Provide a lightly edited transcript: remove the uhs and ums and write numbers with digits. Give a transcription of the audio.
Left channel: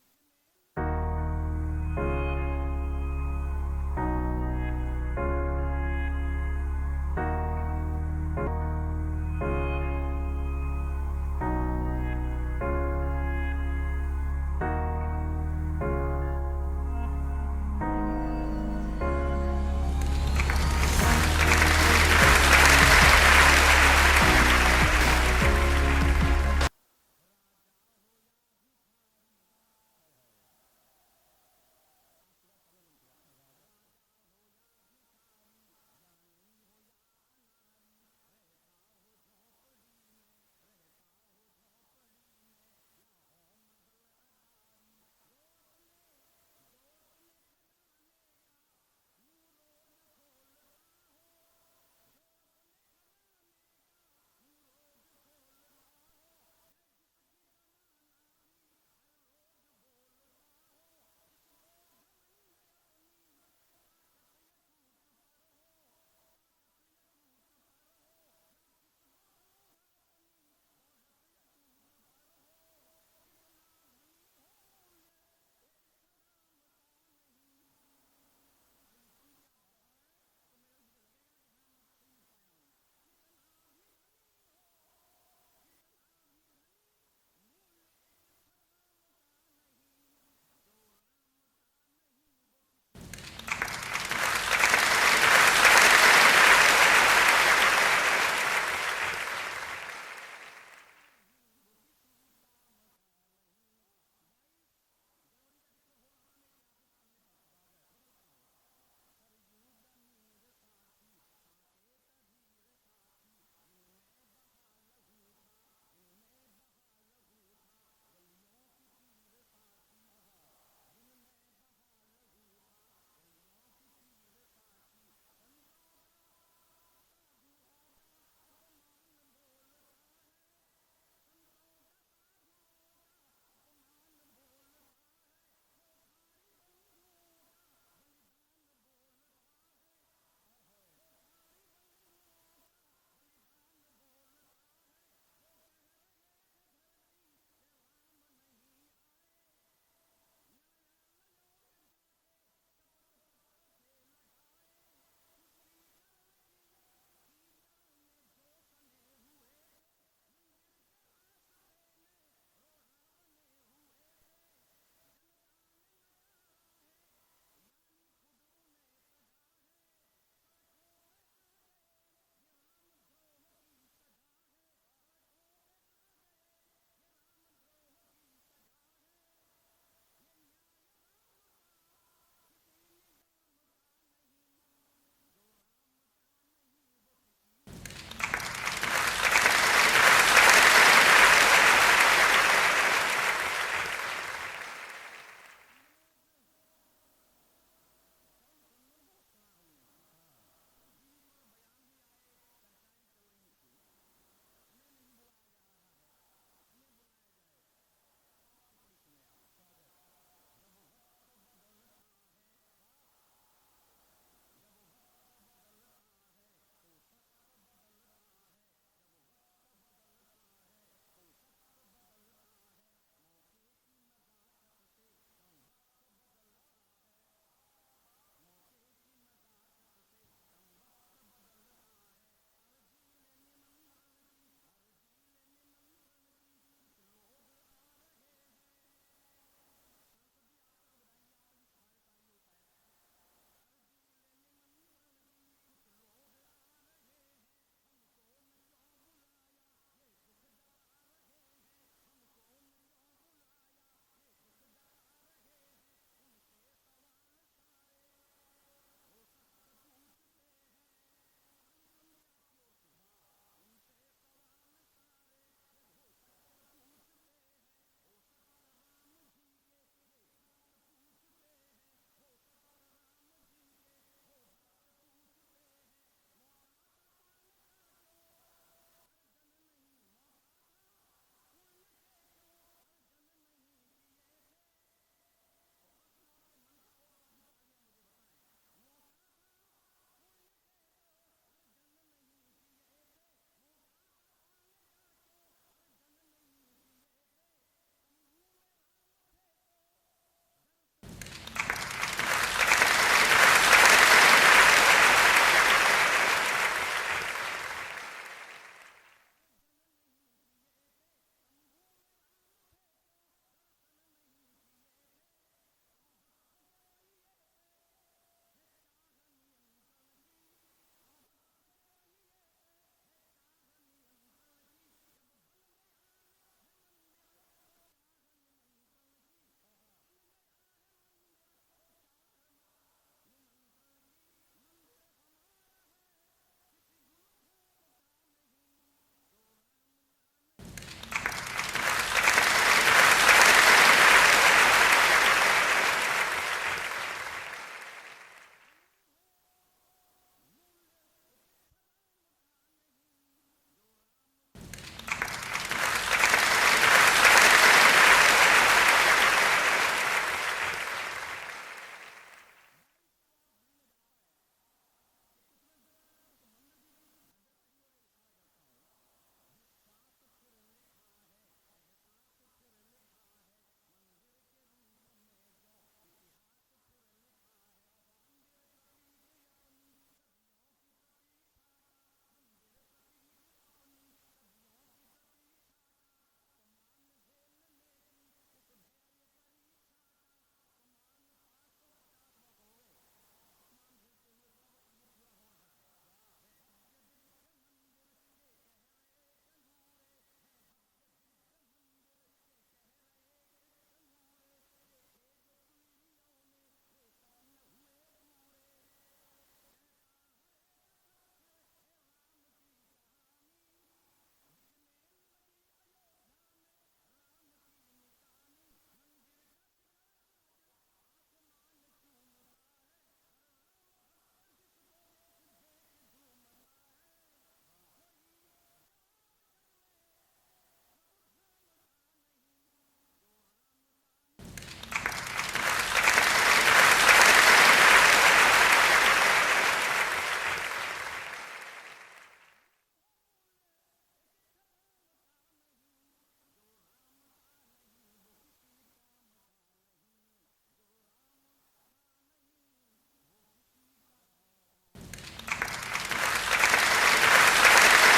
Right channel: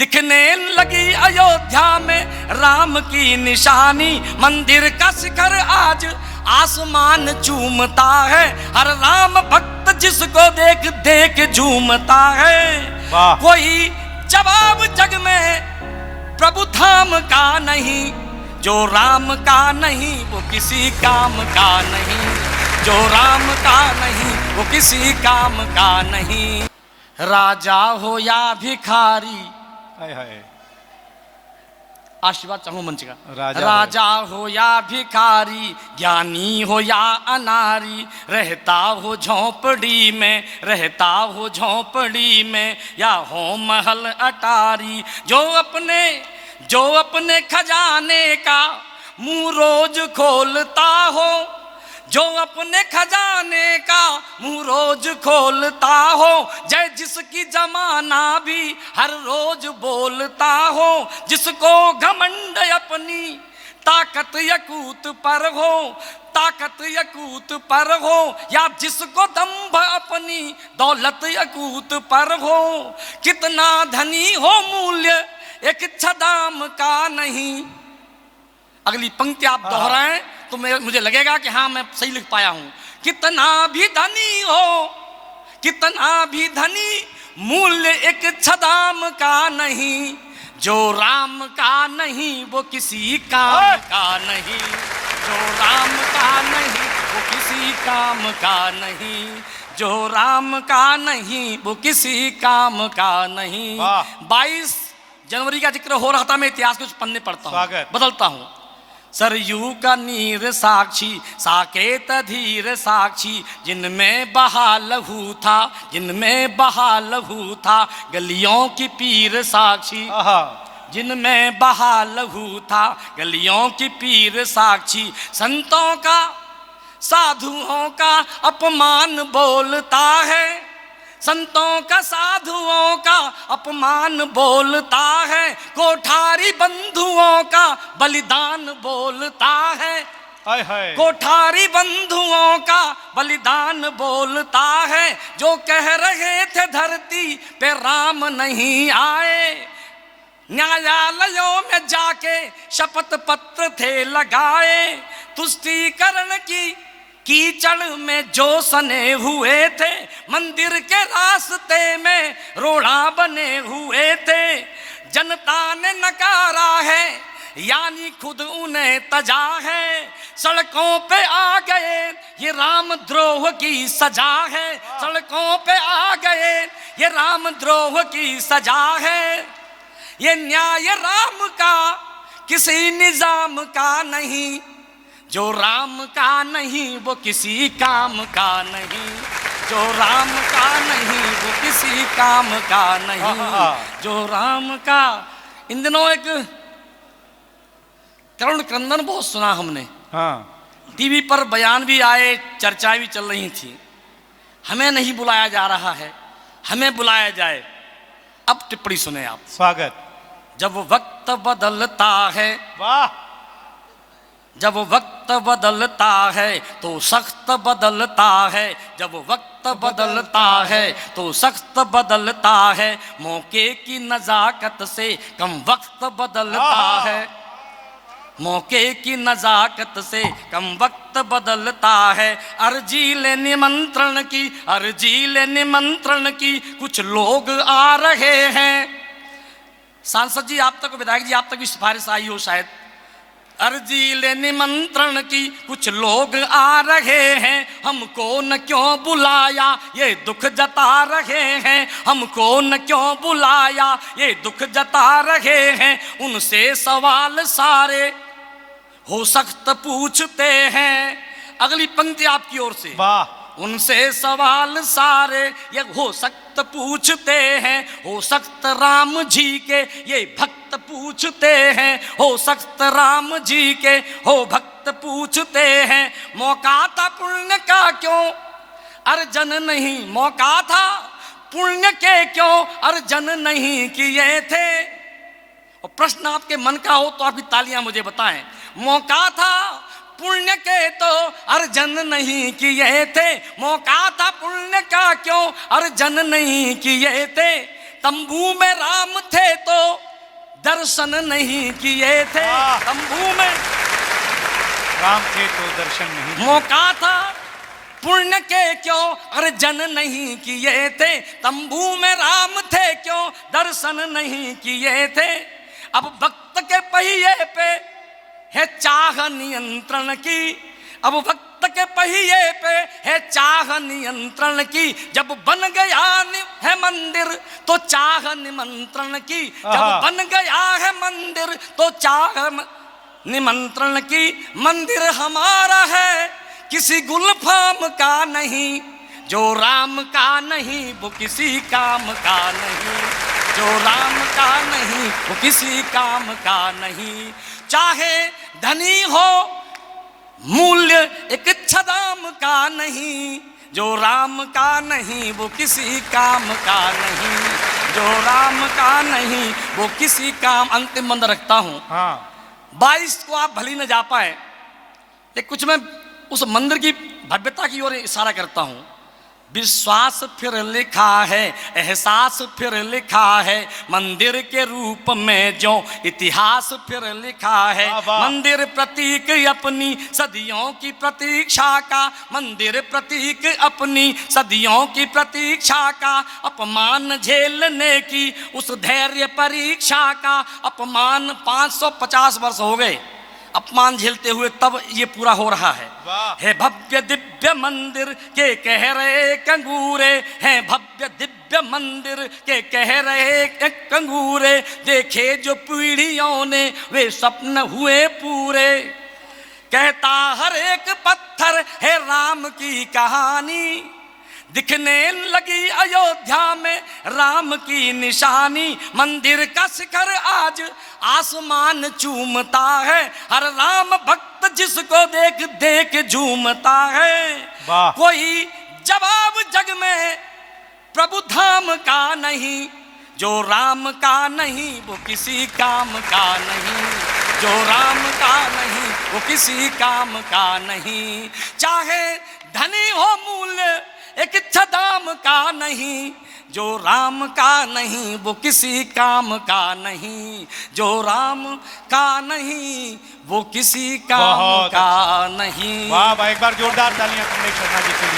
दिखने लगी अयोध्या में राम की निशानी, मंदिर का शिखर आज आसमान चूमता है, हर राम भक्त जिसको देख देख झूमता है। कोई जवाब जग में प्रभु धाम का नहीं, जो राम का नहीं वो किसी काम का नहीं, जो राम का नहीं वो किसी काम का नहीं। राजा हो या भिखारी, आशीर्वाद चाहूं मंच का, राजा हो या भिखारी, ज्ञानी हो या अनारी, रहता हो झोंपड़ी में, रहता हो झोंपड़ी में, या हो महल अटारी, जो अपने खजाने का मुंह रोज खोलता हो, जो अपने खजाने का मुंह रोज खोलता हो, जय जिसकी जमाना भी हर रोज बोलता हो, जिसको घमंड अपनी ताकत यकूत पर हो, ताकत यकूत पर हो, या जिसको दंभ अपनी दौलत यकूत पर हो, कितना धनी हो मूल्य एक छदाम का नहीं। अगली पंक्ति आप दोहराएं तो मुझे लगेगा कि हाँ मैं सही लिख पाया हूं। कितना भी धनी हो, कितना भी धनी, मूल्य एक छदाम का नहीं, जो राम का नहीं वो किसी काम का नहीं, जो राम का नहीं वो किसी काम का नहीं, जो राम का नहीं वो किसी काम का नहीं। 22 जनवरी का जिक्र हो रहा था, मैं इतिहास के कुछ पन्ने पढ़ता हूँ, बदलता हूँ। सरयू का नीर साक्षी, साकेत धीर साक्षी, जिनमें बहा लहू था, जिनमें बहा लहू था, गलियों की पीर साक्षी, जिनमें बहा लहू था, गलियों की पीर साक्षी, संतों का साधुओं का अपमान बोलता है, संतों का साधुओं का अपमान बोलता है, कोठारी बंधुओं का बलिदान बोलता है, कोठारी बंधुओं का बलिदान बोलता है, जो कह रहे थे धरती पे राम नहीं आए, न्यायालयों में जाके शपथ पत्र थे लगाए, तुष्टीकरण की कीचड़ में जो सने हुए थे, मंदिर के रास्ते में रोड़ा बने हुए थे, जनता ने नकारा है यानी खुद उन्हें तजा है, सड़कों पे आ गए ये राम द्रोह की सजा है, सड़कों पे आ गए ये राम द्रोह की सजा है, ये न्याय राम का किसी निजाम का नहीं, जो राम का नहीं वो किसी काम का नहीं, जो राम का नहीं वो किसी काम का नहीं, जो राम का। इन दिनों एक करुण क्रंदन बहुत सुना हमने, टीवी पर बयान भी आए, चर्चाएं भी चल रही थी, हमें नहीं बुलाया जा रहा है, हमें बुलाया जाए। अब टिप्पणी सुने आप। स्वागत। जब वक्त बदलता है, वाह, जब वक्त बदलता है तो सख्त बदलता है, जब वक्त बदलता है तो सख्त बदलता है, मौके की नजाकत से कम वक्त बदलता है, मौके की नजाकत से कम वक्त बदलता है, अर्जी ले निमंत्रण की, अर्जी ले निमंत्रण की, कुछ लोग आ रहे हैं। सांसद जी आप तक, विधायक जी आप तक भी सिफारिश आई हो शायद, अर्जी ले निमंत्रण की कुछ लोग आ रहे हैं, हमको न क्यों बुलाया ये दुख जता रहे हैं, हमको न क्यों बुलाया ये दुख जता रहे हैं, उनसे सवाल सारे हो सख्त पूछते हैं। अगली पंक्ति आपकी ओर से, वाह, उनसे सवाल सारे ये हो सख्त पूछते हैं, हो सख्त राम जी के ये भक्त पूछते हैं, हो सख्त राम जी के हो भक्त पूछते हैं, मौका था पुण्य का क्यों अर्जन नहीं, मौका था पुण्य के क्यों अर्जन नहीं किए थे। और प्रश्न आपके मन का हो तो आपकी तालियां मुझे बताएं, मौका था पुण्य के तो अर्जन नहीं किए थे, मौका था पुण्य का क्यों अर्जन नहीं किए थे, तंबू में राम थे तो दर्शन नहीं किए थे। तंबू में राम के जो दर्शन नहीं, मौका था पुण्य के क्यों अर्जन नहीं किए थे। तंबू में राम थे क्यों दर्शन नहीं किए थे। अब भक्त के पहिए पे है चाह नियंत्रण की, अब भक्त के पहिए पे है चाह नियंत्रण की। जब बन गया है मंदिर तो चाह निमंत्रण की, जब बन गया है मंदिर तो चाह निमंत्रण की। मंदिर हमारा है किसी गुलफाम का नहीं, जो राम का नहीं वो किसी काम का नहीं, जो राम का नहीं वो किसी काम का नहीं। चाहे धनी हो मूल्य एक छदाम का नहीं, जो राम का नहीं वो किसी काम का नहीं, जो राम का नहीं वो किसी काम। अंतिम मंद रखता हूं। 22 को आप भली न जा पाए, लेकिन कुछ मैं उस मंदिर की भव्यता की ओर इशारा करता हूं। विश्वास फिर लिखा है, एहसास फिर लिखा है, मंदिर के रूप में जो इतिहास फिर लिखा है। मंदिर प्रतीक अपनी सदियों की प्रतीक्षा का, मंदिर प्रतीक अपनी सदियों की प्रतीक्षा का। अपमान झेलने की उस धैर्य परीक्षा का, अपमान 550 वर्ष हो गए अपमान झेलते हुए, तब ये पूरा हो रहा है। है भव्य दिव्य मंदिर के कह रहे कंगूरे, हैं भव्य दिव्य मंदिर के कह रहे कंगूरे। देखे जो पीढ़ियों ने वे स्वप्न हुए पूरे। कहता हर एक पत्थर है राम की कहानी, दिखने लगी अयोध्या में राम की निशानी। मंदिर का शिखर आज आसमान चूमता है, हर राम भक्त जिसको देख देख झूमता है। कोई जवाब जग में प्रभु धाम का नहीं, जो राम का नहीं वो किसी काम का नहीं, जो राम का नहीं वो किसी काम का नहीं। चाहे धनी हो मूल्य एक छदाम का नहीं, जो राम का नहीं वो किसी काम का नहीं, जो राम का नहीं वो किसी काम का नहीं। वाह, एक बार जोरदार तालियां।